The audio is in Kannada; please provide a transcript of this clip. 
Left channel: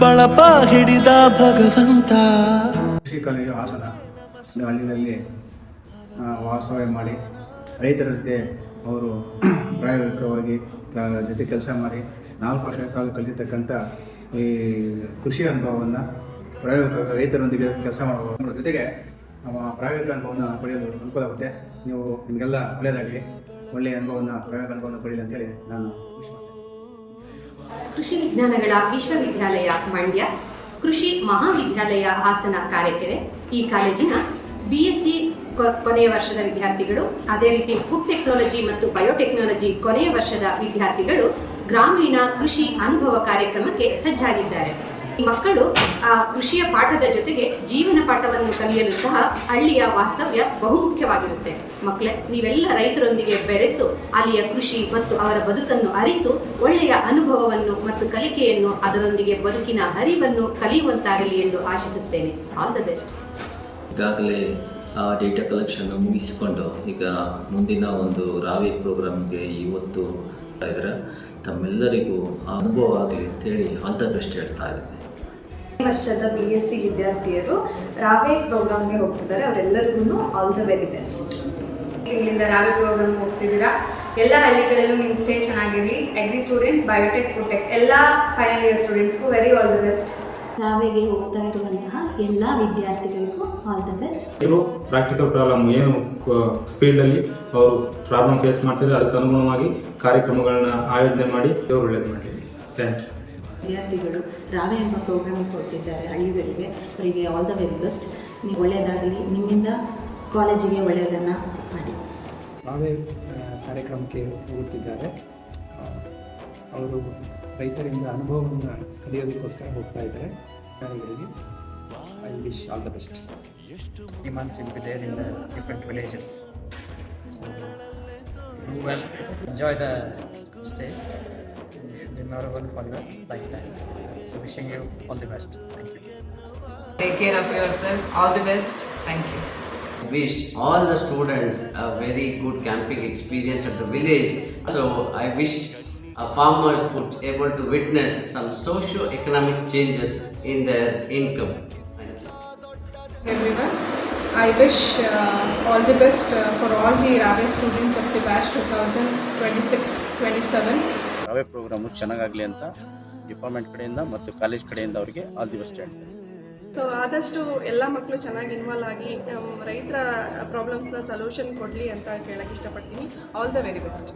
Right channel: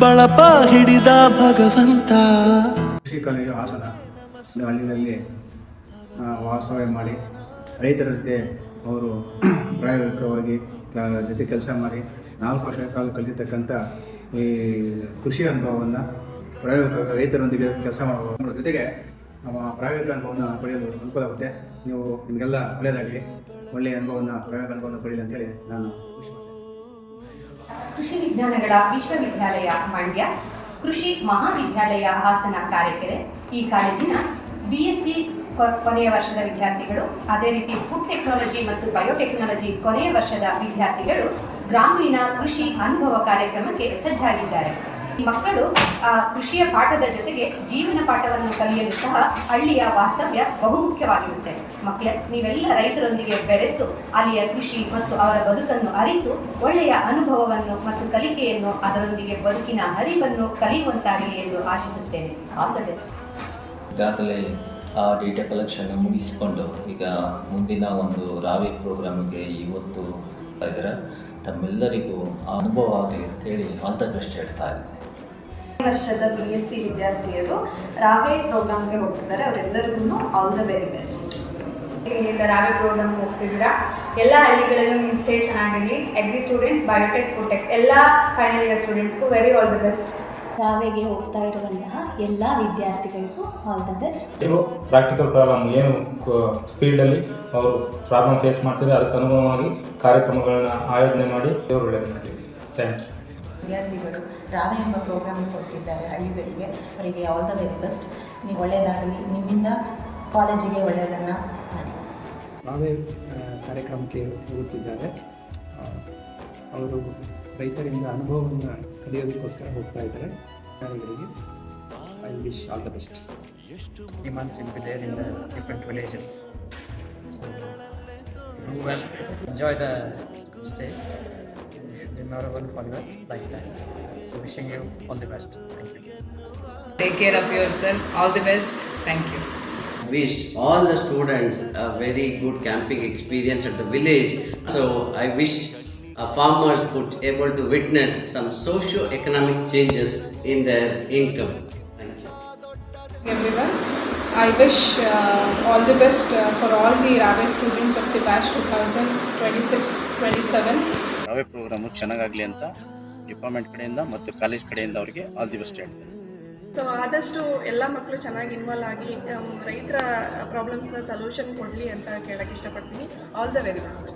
ಬಳಪ ಹಿಡಿದ ಭಗವಂತ. ಕೃಷಿ ಕಾಲೇಜು ಹಾಸನ ಹಳ್ಳಿನಲ್ಲಿ ವಾಸವ್ಯ ಮಾಡಿ ರೈತರ ಜೊತೆ ಅವರು ಪ್ರಾಯೋಗಿಕವಾಗಿ ಜೊತೆ ಕೆಲಸ ಮಾಡಿ 4 ವರ್ಷ ಕಾಲ ಕಲಿತಕ್ಕಂಥ ಈ ಕೃಷಿ ಅನುಭವವನ್ನು ಪ್ರಾಯೋಗಿಕ ರೈತರೊಂದಿಗೆ ಕೆಲಸ ಮಾಡುವ ಜೊತೆಗೆ ನಮ್ಮ ಪ್ರಾಯೋಗಿಕ ಅನುಭವವನ್ನು ಪಡೆಯಲು ಅನುಕೂಲ ಆಗುತ್ತೆ. ನೀವು ನಿಮಗೆಲ್ಲ ಒಳ್ಳೆಯದಾಗಲಿ, ಒಳ್ಳೆಯ ಅನುಭವವನ್ನು ಪ್ರಾಯೋಗಿಕ ಅನುಭವವನ್ನು ಪಡೆಯಲಿ ಅಂತೇಳಿ ನಾನು ಖುಷಿ ಮಾಡ್ತೇನೆ. ಕೃಷಿ ವಿಜ್ಞಾನಗಳ ವಿಶ್ವವಿದ್ಯಾಲಯ ಮಂಡ್ಯ, ಕೃಷಿ ಮಹಾವಿದ್ಯಾಲಯ ಹಾಸನ ಕಾರೆಕೆರೆ ಈ ಕಾಲೇಜಿನ BSc ಕೊನೆಯ ವರ್ಷದ ವಿದ್ಯಾರ್ಥಿಗಳು, ಅದೇ ರೀತಿ ಫುಡ್ ಟೆಕ್ನಾಲಜಿ ಮತ್ತು ಬಯೋಟೆಕ್ನಾಲಜಿ ಕೊನೆಯ ವರ್ಷದ ವಿದ್ಯಾರ್ಥಿಗಳು ಗ್ರಾಮೀಣ ಕೃಷಿ ಅನುಭವ ಕಾರ್ಯಕ್ರಮಕ್ಕೆ ಸಜ್ಜಾಗಿದ್ದಾರೆ. ಮಕ್ಕಳು ಆ ಕೃಷಿಯ ಪಾಠದ ಜೊತೆಗೆ ಜೀವನ ಪಾಠವನ್ನು ಕಲಿಯಲು ಸಹ ಹಳ್ಳಿಯ ವಾಸ್ತವ್ಯ ಬಹುಮುಖ್ಯವಾಗಿರುತ್ತೆ. ಮಕ್ಕಳೇ, ನೀವೆಲ್ಲ ರೈತರೊಂದಿಗೆ ಬೆರೆತು ಅಲ್ಲಿಯ ಕೃಷಿ ಮತ್ತು ಅವರ ಬದುಕನ್ನು ಅರಿತು ಒಳ್ಳೆಯ ಅನುಭವವನ್ನು ಮತ್ತು ಕಲಿಕೆಯನ್ನು, ಅದರೊಂದಿಗೆ ಬದುಕಿನ ಅರಿವನ್ನು ಕಲಿಯುವಂತಾಗಲಿ ಎಂದು ಆಶಿಸುತ್ತೇನೆ. All the best. ಈಗಾಗಲೇ ಆ ಡೇಟಾ ಕಲೆಕ್ಷನ್ನು ಮುಗಿಸಿಕೊಂಡು ಈಗ ಮುಂದಿನ ಒಂದು ರಾವೆ ಪ್ರೋಗ್ರಾಮ್ಗೆ ಇವತ್ತು ಇದ್ದಾರೆ. ತಮ್ಮೆಲ್ಲರಿಗೂ ಅನುಭವ ಆಗಲಿ ಅಂತೇಳಿ ಆಲ್ ದ ಬೆಸ್ಟ್ ಹೇಳ್ತಾ ಇದ್ದೀನಿ. ವರ್ಷದ BSc ವಿದ್ಯಾರ್ಥಿಯರು ರಾವೆ ಪ್ರೋಗ್ರಾಮ್ಗೆ ಹೋಗ್ತಿದ್ದಾರೆ. ಅವರೆಲ್ಲರಿಗೂ ಆಲ್ ದ ವೆರಿ ಬೆಸ್ಟ್. ಇಲ್ಲಿಂದ ರಾವೆ ಪ್ರೋಗ್ರಾಮ್ ಹೋಗ್ತಿದ್ದೀರಾ. ಎಲ್ಲ ಹಳ್ಳಿಗಳಲ್ಲೂ ನಿಮ್ಮ ಸ್ಟೇ ಚೆನ್ನಾಗಿರಲಿ. Agri students, biotech, food tech ಎಲ್ಲ ಫೈನಲ್ ಇಯರ್ ಸ್ಟೂಡೆಂಟ್ಸ್ಗೂ ವೆರಿ ಆಲ್ ದ ಬೆಸ್ಟ್. ರಾವೆಗೆ ಹೋಗ್ತಾ ಇರುವಂತಹ ಎಲ್ಲ ವಿದ್ಯಾರ್ಥಿಗಳಿಗೂ all the best. Practical problem ಏನು ಫೀಲ್ಡಲ್ಲಿ ಅವರು ಪ್ರಾಬ್ಲಮ್ ಫೇಸ್ ಮಾಡ್ತಾರೆ, ಅದಕ್ಕೆ ಅನುಗುಣವಾಗಿ ಕಾರ್ಯಕ್ರಮಗಳನ್ನ ಆಯೋಜನೆ ಮಾಡಿ ಒಳ್ಳೆಯದು ಮಾಡಲಿ. Thank you. ವಿದ್ಯಾರ್ಥಿಗಳು ರಾವೆ ಎಂಬ ಪ್ರೋಗ್ರಾಮ್ ಕೊಟ್ಟಿದ್ದಾರೆ ಹಳ್ಳಿಗಳಿಗೆ. ಅವರಿಗೆ ಆಲ್ ದ ವೆರಿ ಬೆಸ್ಟ್. ನೀವು ಒಳ್ಳೆಯದಾಗಲಿ, ನಿಮ್ಮಿಂದ ಕಾಲೇಜಿಗೆ ಒಳ್ಳೆಯದನ್ನು ಮಾಡಿ. ರಾವೆ ಕಾರ್ಯಕ್ರಮಕ್ಕೆ ಹೋಗುತ್ತಿದ್ದಾರೆ. ಅವರು ರೈತರಿಂದ ಅನುಭವವನ್ನು ಕಲಿಯೋದಕ್ಕೋಸ್ಕರ ಹೋಗ್ತಾ ಇದ್ದಾರೆ. ವಿದ್ಯಾರ್ಥಿಗಳಿಗೆ I wish all the best. months will be there in the different villages. So do well, enjoy the stay. You should be memorable for your lifetime. So wishing you all the best. Thank you. Take care of yourself. All the best. Thank you. Wish all the students a very good camping experience at the village. So I wish farmers could able to witness some socio-economic changes in their income. Thank you. Everyone, I wish all the best for all the Rave students of the batch 2026-27. ರಾವೆ programme ಚೆನ್ನಾಗಾಗಲಿ ಅಂತ ಡಿಪಾರ್ಟ್ಮೆಂಟ್ ಕಡೆಯಿಂದ ಮತ್ತು ಕಾಲೇಜ್ ಕಡೆಯಿಂದ ಅವರಿಗೆ ಆಲ್ ದಿ ಬೆಸ್ಟ್ ಹೇಳ್ತಾರೆ. ಸೊ ಆದಷ್ಟು ಎಲ್ಲ ಮಕ್ಕಳು ಚೆನ್ನಾಗಿ ಇನ್ವಾಲ್ವ್ ಆಗಿ ರೈತರ ಪ್ರಾಬ್ಲಮ್ಸ್ನ ಸೊಲ್ಯೂಷನ್ ಕೊಡಲಿ ಅಂತ ಕೇಳಕ್ಕೆ ಇಷ್ಟಪಡ್ತೀನಿ. All the very best.